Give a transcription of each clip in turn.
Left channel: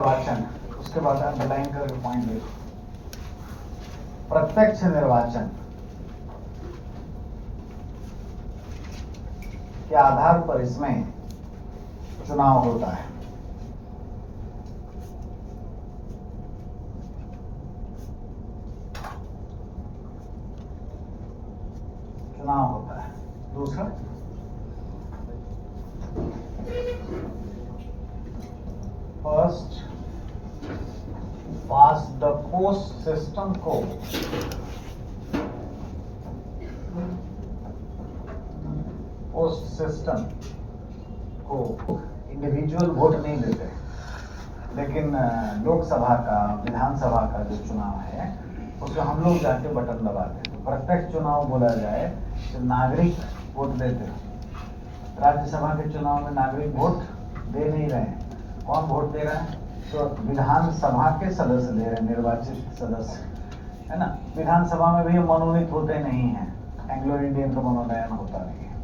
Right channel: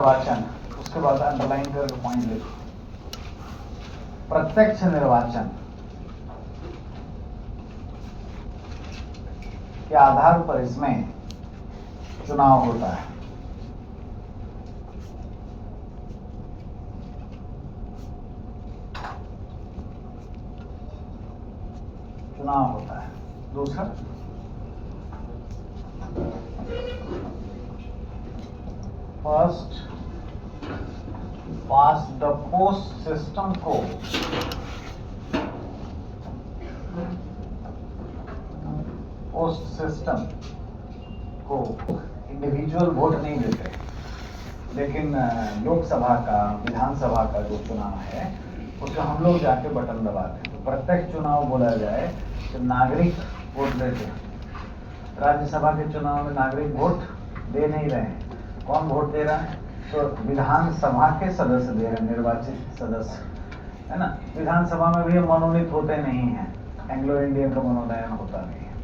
निर्वाचन, उसके बाद अंडरलाइन करके पॉइंट देखो। प्रत्यक्ष निर्वाचन के आधार पर इसमें चुनाव होता है। चुनाव होता है। दूसरा, first pass the post system को इंडिविजुअल वोट नहीं देते, लेकिन लोकसभा का, विधानसभा का जो चुनाव है उसमें हम लोग जाके बटन दबाते हैं। प्रत्यक्ष चुनाव बोला जाए तो नागरिक वोट देते हैं। राज्यसभा के चुनाव में नागरिक वोट दे नहीं रहे हैं। कौन वोट दे रहा है? तो विधानसभा के सदस्य दे रहे हैं, निर्वाचित सदस्य, है ना। विधानसभा में भी मनोनीत होते नहीं हैं, एंग्लो इंडियन का मनोनयन होता नहीं है,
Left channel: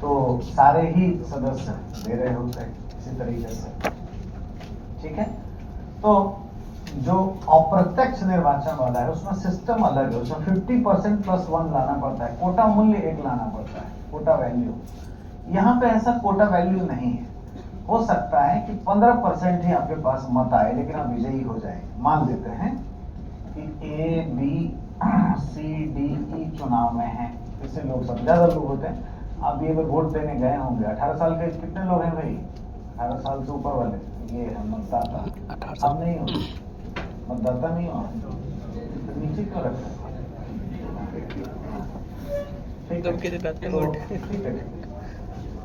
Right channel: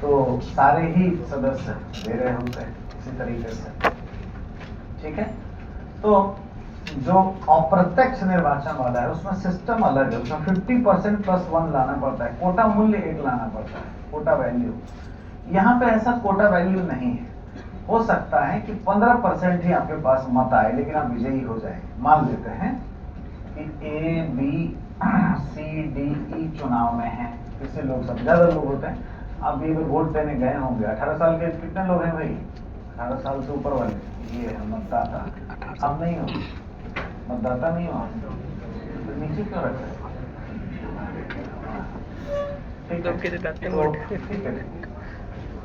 तो सारे ही सदस्य दे रहे होते हैं इसी तरीके से, ठीक है। तो जो अप्रत्यक्ष निर्वाचन वाला है उसमें सिस्टम अलग है। उसमें 50% +1 लाना पड़ता है, कोटा मूल्य 1 लाना पड़ता है, कोटा वैल्यू। यहाँ पे ऐसा कोटा वैल्यू नहीं है। हो सकता है कि 15% ही आपके पास मत आए, लेकिन आप विजयी हो जाएंगे। मान लेते हैं कि A, B, C, D, E चुनाव में है, इससे लोग सब ज्यादा लोग होते हैं। आप ये वोट देने गए होंगे, 18 साल के कितने लोग हैं भाई? 18 साल से ऊपर वाले, ये है मतदाता। हम नहीं हो, मतदाता नहीं हो, तो नीचे क्यों रख रहे हैं? ठीक है।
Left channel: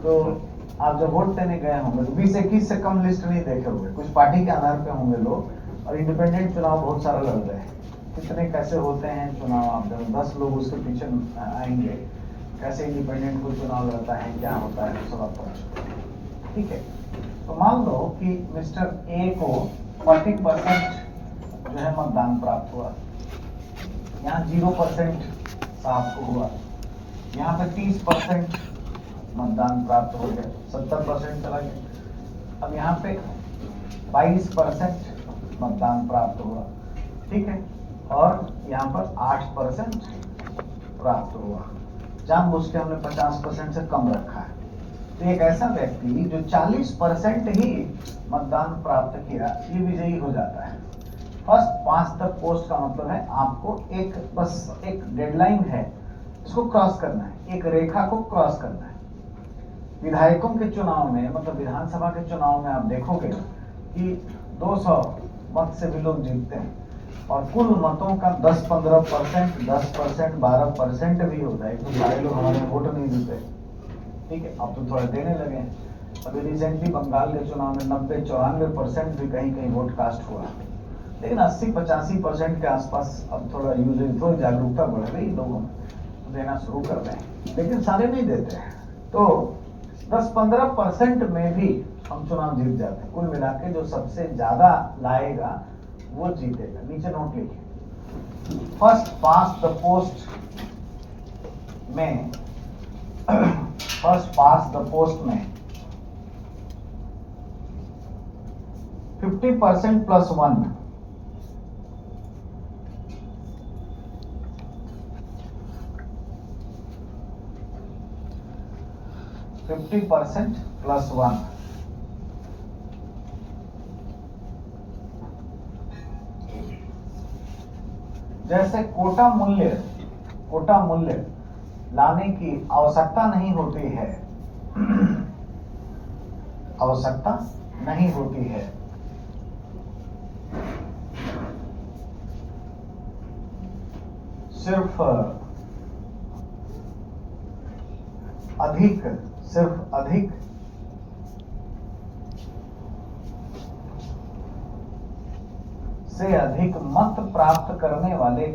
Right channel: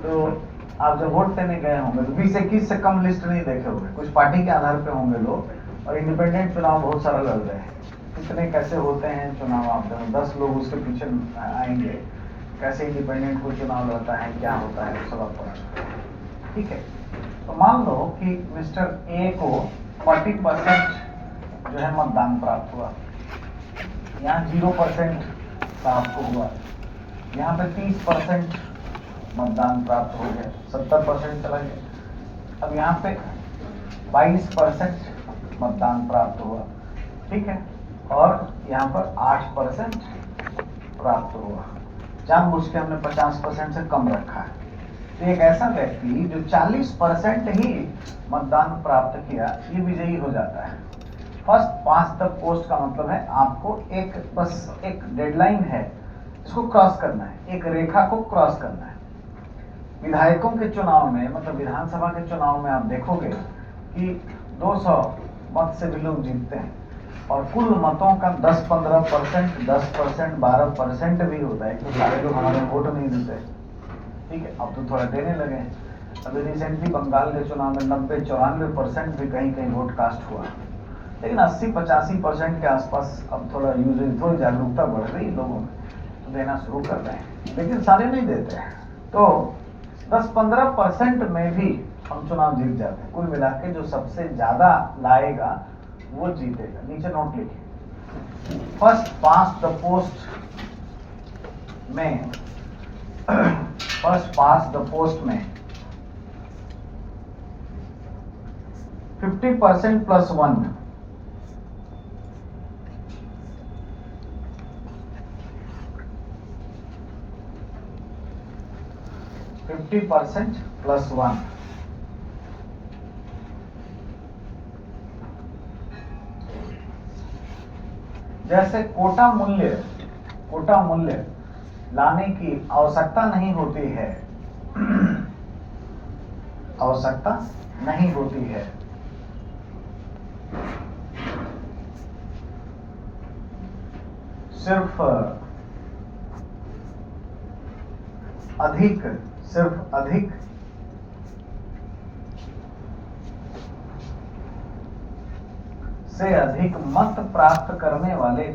तो आप जब वोट देने गए होंगे तो 20-21 से कम लिस्ट नहीं देखे होंगे, कुछ पार्टी के आधार पे होंगे लोग, और इंडिपेंडेंट चुनाव बहुत सारा लड़ रहे हैं। कितने कैसे होते हैं चुनाव, आप 10 लोग उसके पीछे आएंगे, कैसे इंडिपेंडेंट को चुनाव लड़ता है, क्या होता है, सब आपको ठीक है। तो मान लो कि मिस्टर ए को 40% जो है मतदान प्राप्त हुआ, यहाँ 0% प्राप्त हुआ, यहाँ पे 30% मतदान प्राप्त हो गया, 70% चला गया। अब यहाँ पे 22% मतदान प्राप्त हुआ, ठीक है, और यहाँ पर 8% प्राप्त हुआ। जानबूझ के हमने 50% से कम रखा है। तो एक ऐसा व्यक्ति जो 40% ही मतदान प्राप्त किया, ये विजयी हो जाता है। फर्स्ट पास द पोस्ट का मतलब है आपको बस एक डेडलाइन है, इसको क्रॉस करना है, एक रेखा को क्रॉस करना है। विधायकों के चुनाव में, मतलब विधानसभा के चुनाव में आप देखोगे कि 200 मत से भी लोग जीतते हैं, और कुल मतों का 10-15%, 10%, 12% भी होता है, क्योंकि सारे लोग हमारे वोट नहीं देते, ठीक है। अब तो थोड़ा देने लगे हैं। अभी रिसेंटली बंगाल के चुनाव में 90-94% भी कहीं कहीं वोट कास्ट हुआ, लेकिन 80-85% के आसपास अब थोड़ा थोड़ी जागरूकता बढ़ रही, लोगों देना शुरू कर रहे हैं, लेकिन सारे नहीं देते हैं। तो 10-15% में भी हम चुनाव जीत जाते हैं। कुल मिला के जो सबसे ज्यादा लाएगा वो जीतेगा। नीचे नोट लिखिए, फर्स्ट पास द पोस्ट में फर्स्ट पास द पोस्ट में 50% +1 50% +1 जैसे कोटा मूल्य लाने की आवश्यकता नहीं होती है, आवश्यकता नहीं होती है। सिर्फ अधिक से अधिक मत प्राप्त करने वाले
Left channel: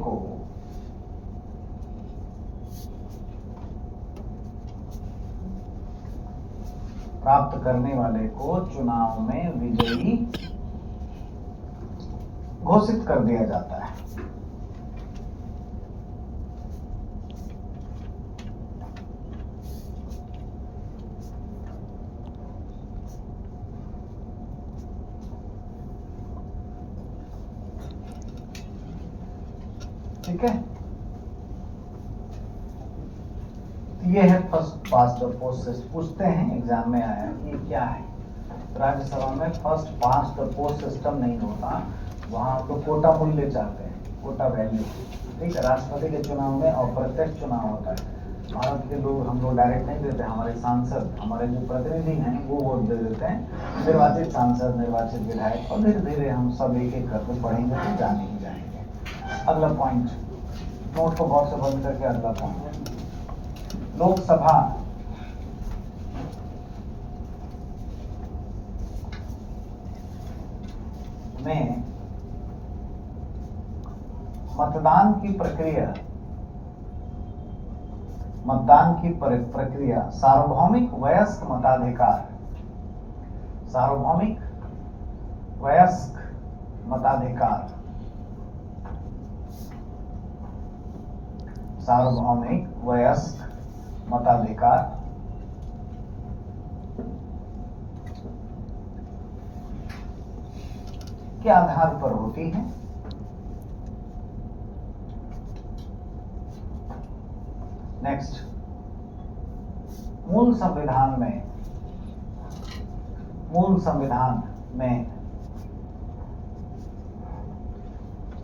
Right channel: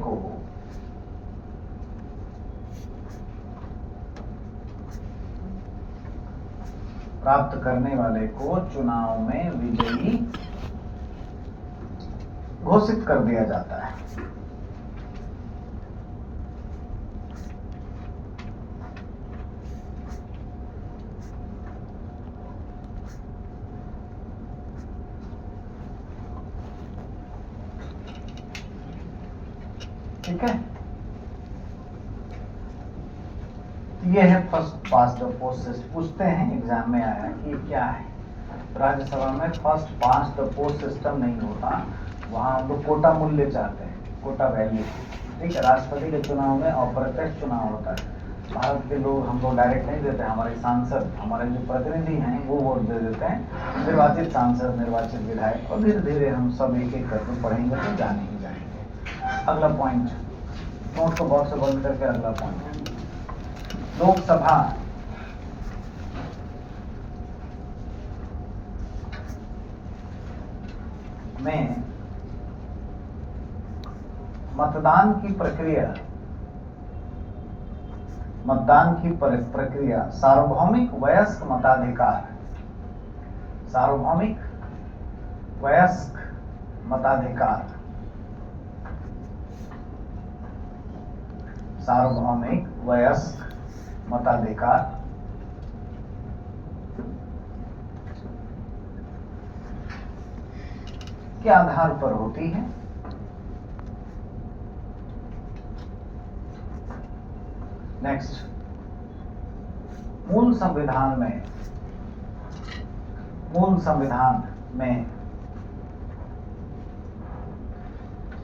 को चुनाव में विजयी घोषित कर दिया जाता है। ठीक है, ये है first past the post system. पूछते हैं एग्जाम में आया कि क्या है, राज्यसभा में first past the post system नहीं होता, वहां हम लोग कोटा मूल्य चाहते हैं, कोटा वैल्यू। ठीक है, राष्ट्रपति के चुनाव में अप्रत्यक्ष चुनाव होता है, भारत के लोग, हम लोग डायरेक्ट नहीं देते, हमारे सांसद, हमारे जो प्रतिनिधि हैं वो वोट दे देते हैं, निर्वाचित सांसद, निर्वाचित विधायक, और धीरे धीरे हम सब एक एक करके पढ़ेंगे तो जाने ही जाएंगे। अगला पॉइंट, नोट को बॉक्स से बंद करके अगला पॉइंट, लोकसभा में मतदान की प्रक्रिया सार्वभौमिक वयस्क मताधिकार, सार्वभौमिक वयस्क मताधिकार, सार्वभौमिक वयस्क मताधिकार के आधार पर होती है। नेक्स्ट, मूल संविधान में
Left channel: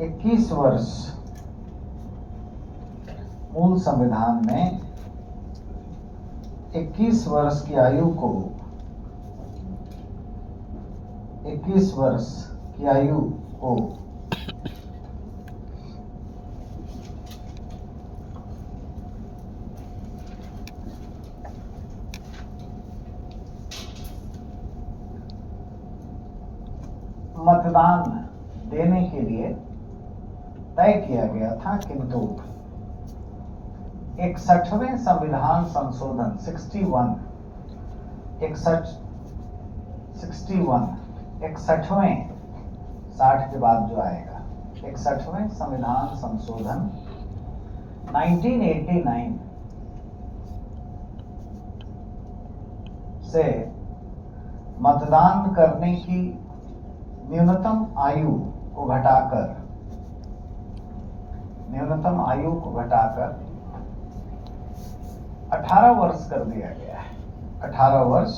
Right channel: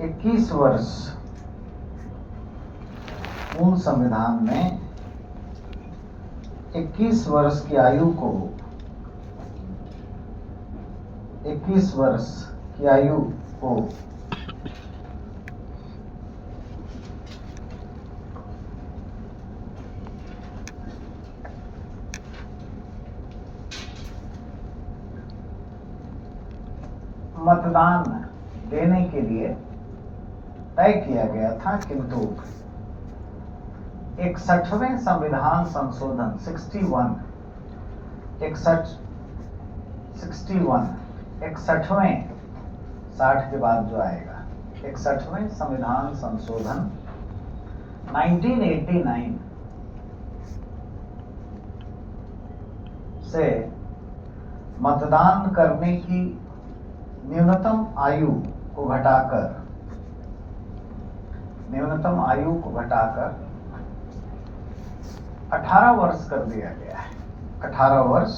21 वर्ष, मूल संविधान में 21 वर्ष की आयु को, 21 वर्ष की आयु को मतदान देने के लिए तय किया गया था, किंतु 61वें संविधान संशोधन 61 61वें 60 के बाद जो आएगा 61वें संविधान संशोधन 1989 से मतदान करने की न्यूनतम आयु को घटाकर 18 वर्ष कर दिया गया है, 18 वर्ष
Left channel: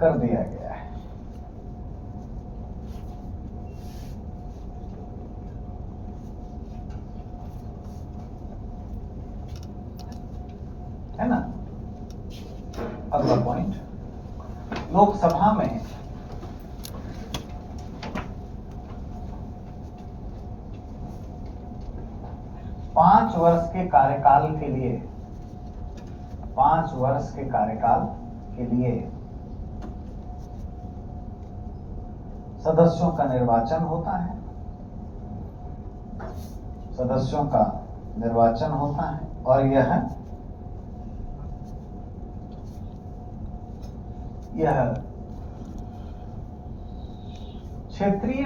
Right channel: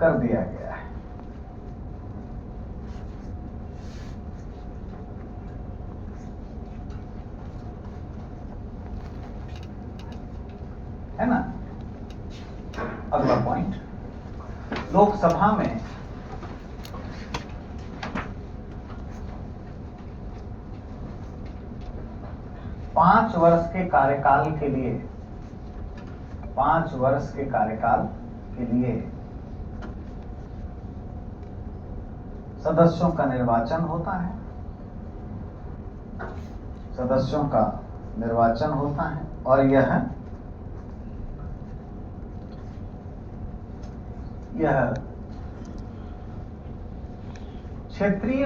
कर दिया गया है। है ना। अगला पॉइंट, लोकसभा में पांच वर्ष के कार्यकाल के लिए सदस्यों का निर्वाचन होता है, सदस्यों का निर्वाचन होता है, और यह क्षेत्रीय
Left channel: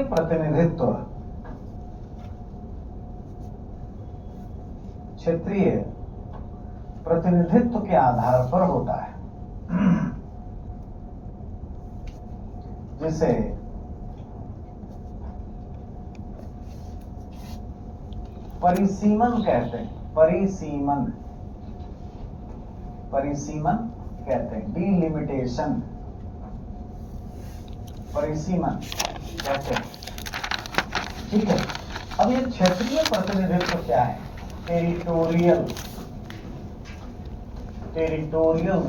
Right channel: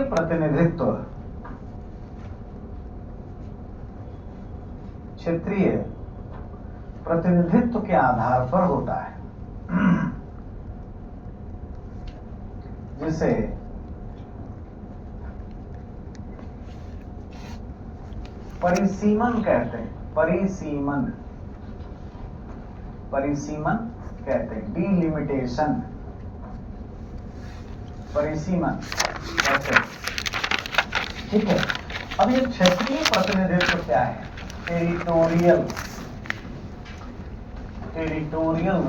प्रतिनिधित्व के आधार पर होता है, जिसे परिसीमन कहते हैं, परिसीमन कहते हैं, डिलिमिटेशन, परिसीमन कहते हैं। ठीक है, अब ये क्षेत्रीय प्रतिनिधित्व क्या है? Territorial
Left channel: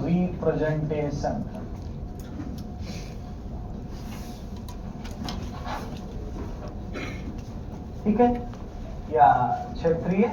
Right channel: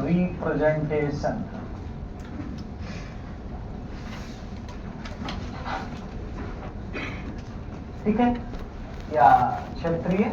representation. ठीक है, या क्षेत्रीय